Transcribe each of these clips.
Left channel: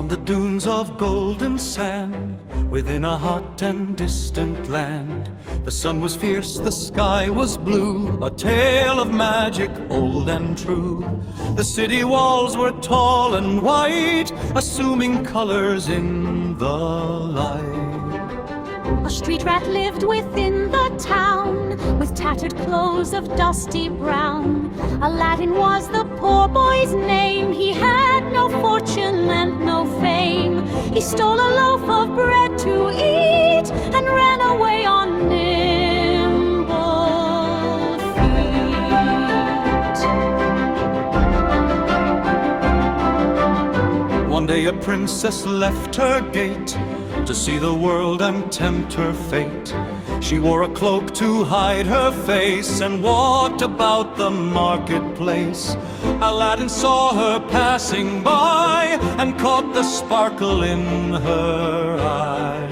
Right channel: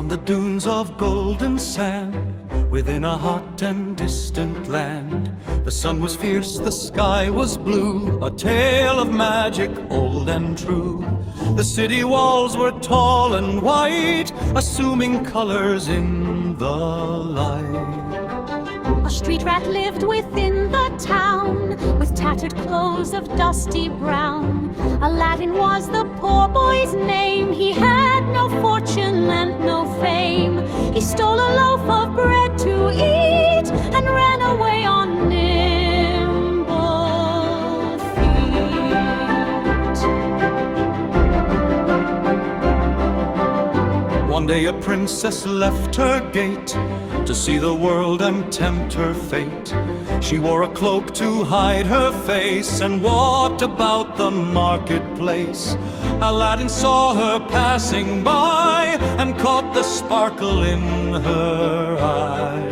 On the dunes of golden sand, within a hot and distant land, the sun was fierce, the sky was blue, a tale of magic old and true. The city walls were tall and white, assuming colors in the light. A street rat lived within the town, with tattered clothes of dusty brown. Aladdin was the poor boy's name. He had no fortune and no fame. He stole a loaf of bread to eat and ran away on nimble feet. One day a princess left her gate to see the world and tempt her fate. She wore a cloak to hide her face and walked about the marketplace. Aladdin saw her passing by and caught the sparkle in her eye.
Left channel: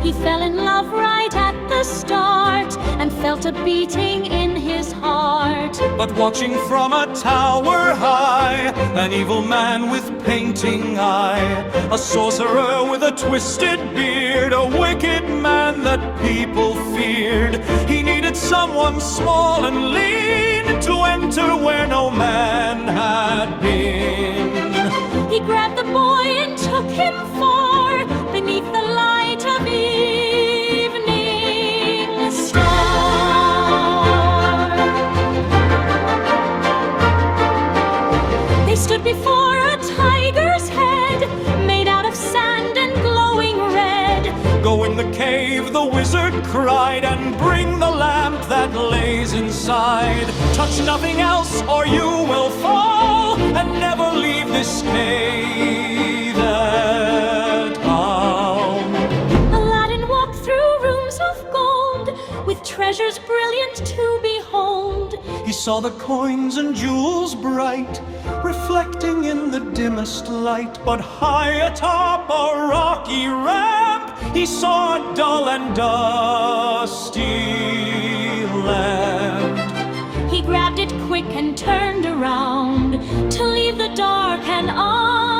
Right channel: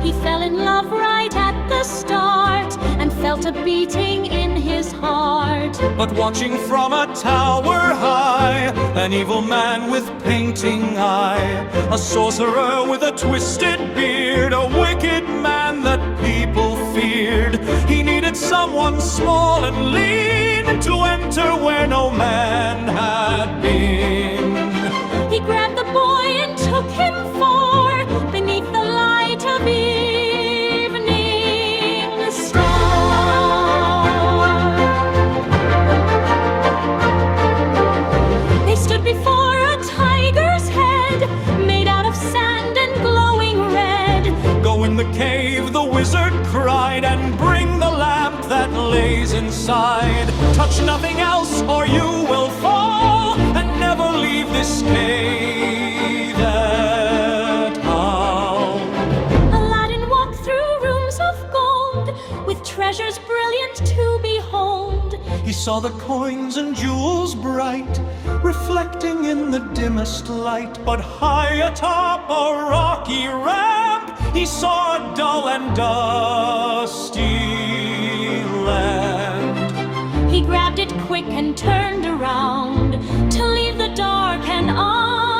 He fell in love right at the start and felt a beating in his heart. But watching from a tower high, an evil man with painting eye, a sorcerer with a twisted beard, a wicked man that people feared. He needed someone small and lean to enter where no man had been. He grabbed the boy and took him far beneath the light of evening star. They stood before a tiger's head, made out of sand and glowing red. Go in the cave, the wizard cried, and bring the lamp that lays inside. Touch nothing else or you will fall, and never leave this cave at all. Aladdin walked through rooms of gold, with treasures brilliant to behold. He saw the coins and jewels bright, reflecting in the dimmest light. But high atop a rocky ramp, he saw a dull and dusty lamp. He grabbed it quick and turned around to leave the dark and underground.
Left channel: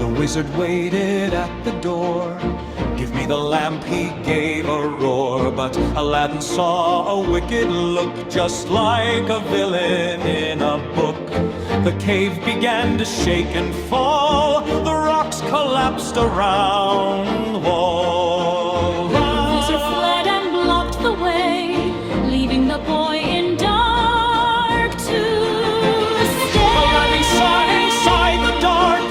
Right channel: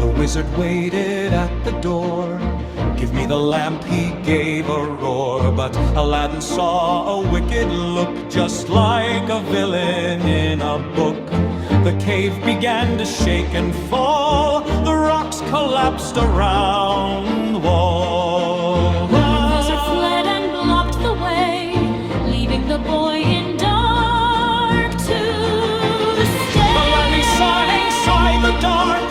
The wizard waited at the door. Give me the lamp, he gave a roar. But Aladdin saw a wicked look, just like a villain in a book. The cave began to shake and fall, the rocks collapsed around the wall. The wizard fled and blocked the way, leaving the boy in dark to stay. Aladdin sat inside the dark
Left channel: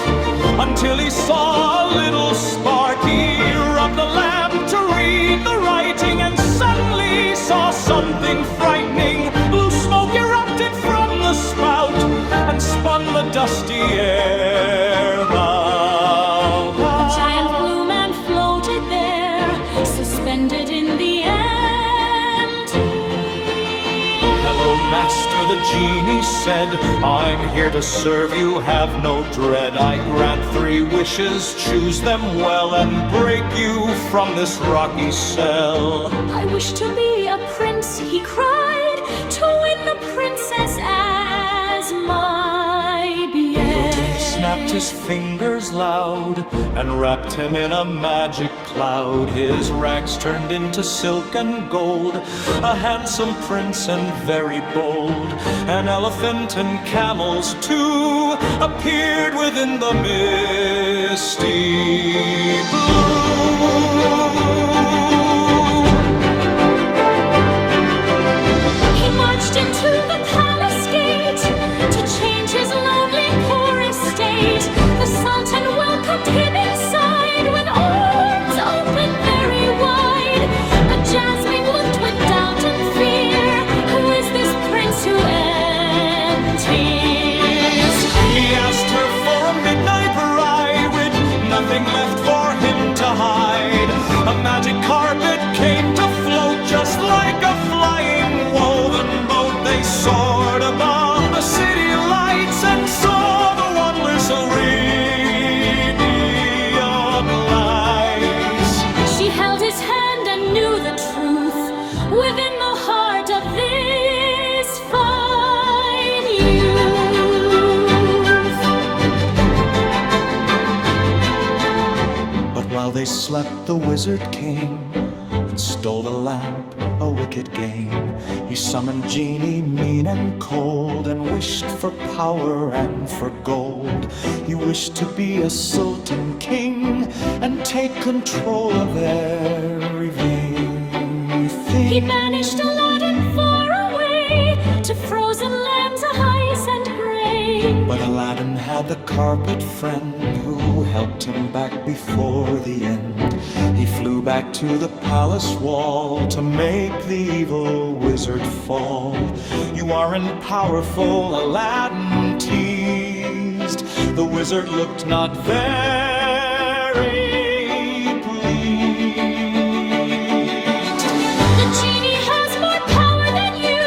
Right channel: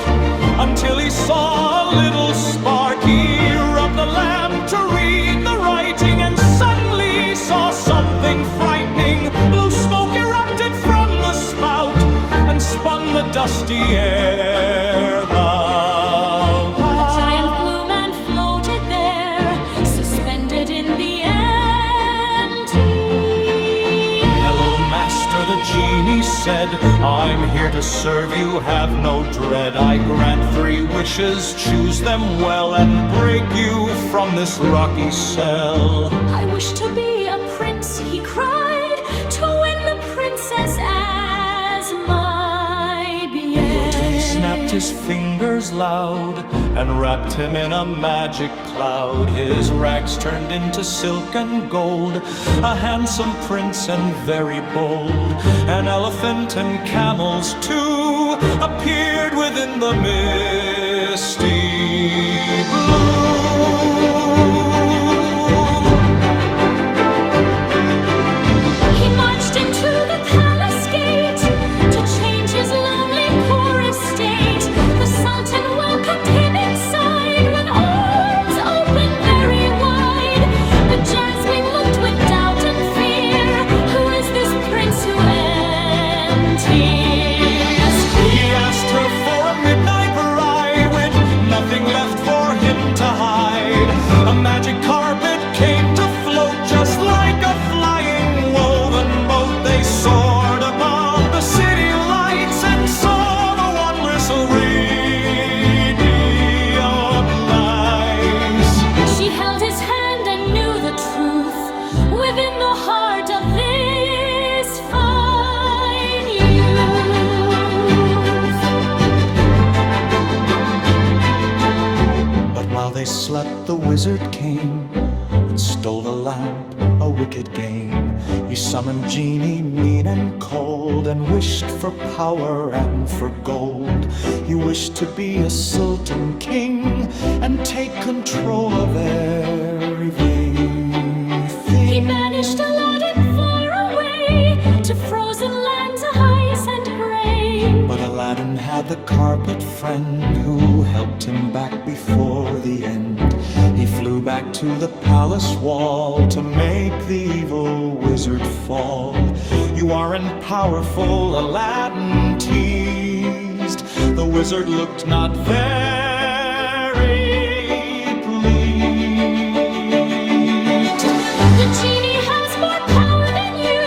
until he saw a little spark. He rubbed the lamp to read the writing and suddenly saw something frightening. Blue smoke erupted from the spout and spun the dusty air about. A giant blue man floated there, suspended in the empty air. Hello, master, the genie said. I'm here to serve you, have no dread. I grant 3 wishes, choose them well, and break you from this rocky cell. I wish to be a prince, he cried, to win the princess as my He beard. snapped his fingers loud and wrapped him in a magic cloud. His rags turned into silk and gold, a handsome prince and very bold. An elephant and camels too appeared within the misty blue. He marched into the palace gate to change his lonely poor estate. The Sultan welcomed him inside with arms open very wide. But Jasmine looked with doubt and fear. Who is this prince who enters? He asked her for a midnight ride with nothing left for him to hide. A magic carpet came to float just like a flying woven boat. They soared above the city lights and saw the wondrous radiant lights. She held his hand and knew the truth. within the heart of this fine youth. But while they slept, the wizard came and stole the lamp, a wicked game. He summoned genie mean and cold, and wished for power and for gold. He wished to be a sultan king and take control of everything. He banished Aladdin far away to frozen lands of ice and gray. But Aladdin had the carpet friend who helped him back before the end. He flew back to the palace wall to make the evil wizard fall. "You aren't powerful," Aladdin teased. The wizard looked not very pleased. "The genie has more power than you,"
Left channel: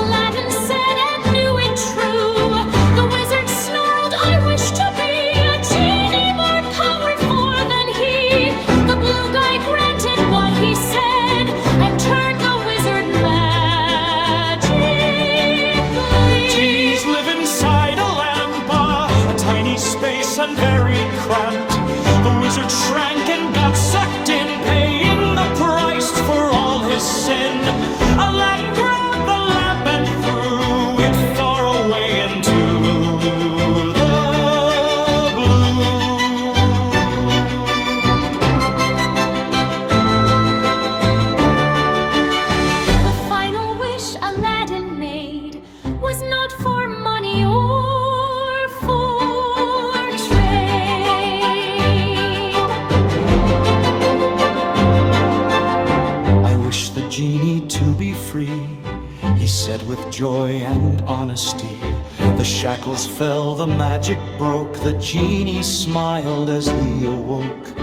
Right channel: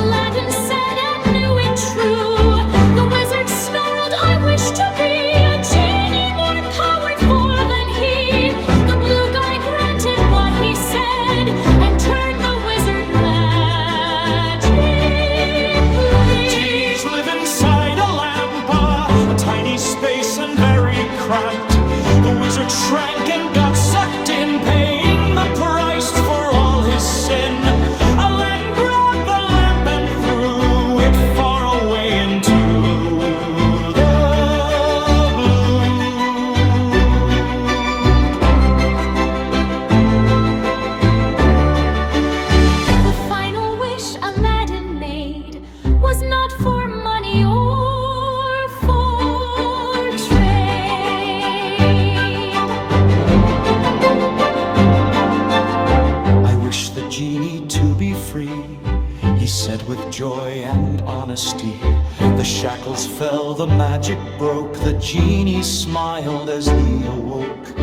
Aladdin said, and knew it true. The wizard snarled, "I wish to be a genie more powerful than he." The blue guy granted what he said and turned the wizard magically. Genies live inside a lamp, a tiny space and very cramped. The wizard shrank and got sucked in, paying the price for all his sin. Aladdin grabbed the lamp and threw it far away into the blue. The final wish Aladdin made was not for money or for trade. "I wish the genie to be free," he said with joy and honesty. The shackles fell, the magic broke, the genie smiled as he awoke.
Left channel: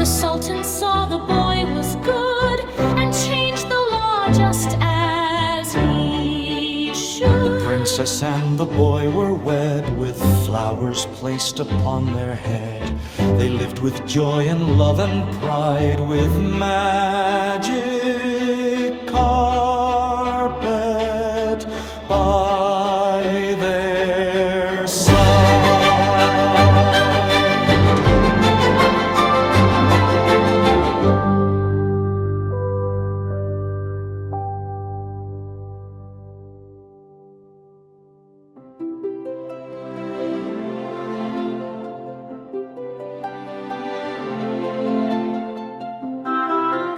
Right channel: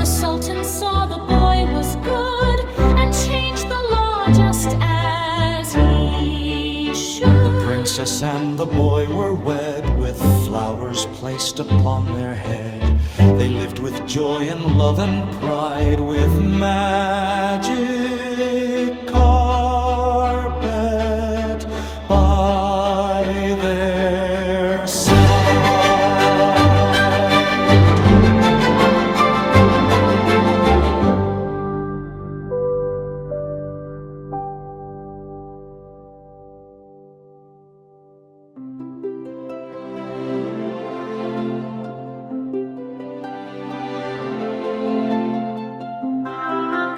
The Sultan saw the boy was good and changed the law just as he should. The princess and the boy were wed, with flowers placed upon their head. They lived with joy and love and pride, with magic carpet by their side.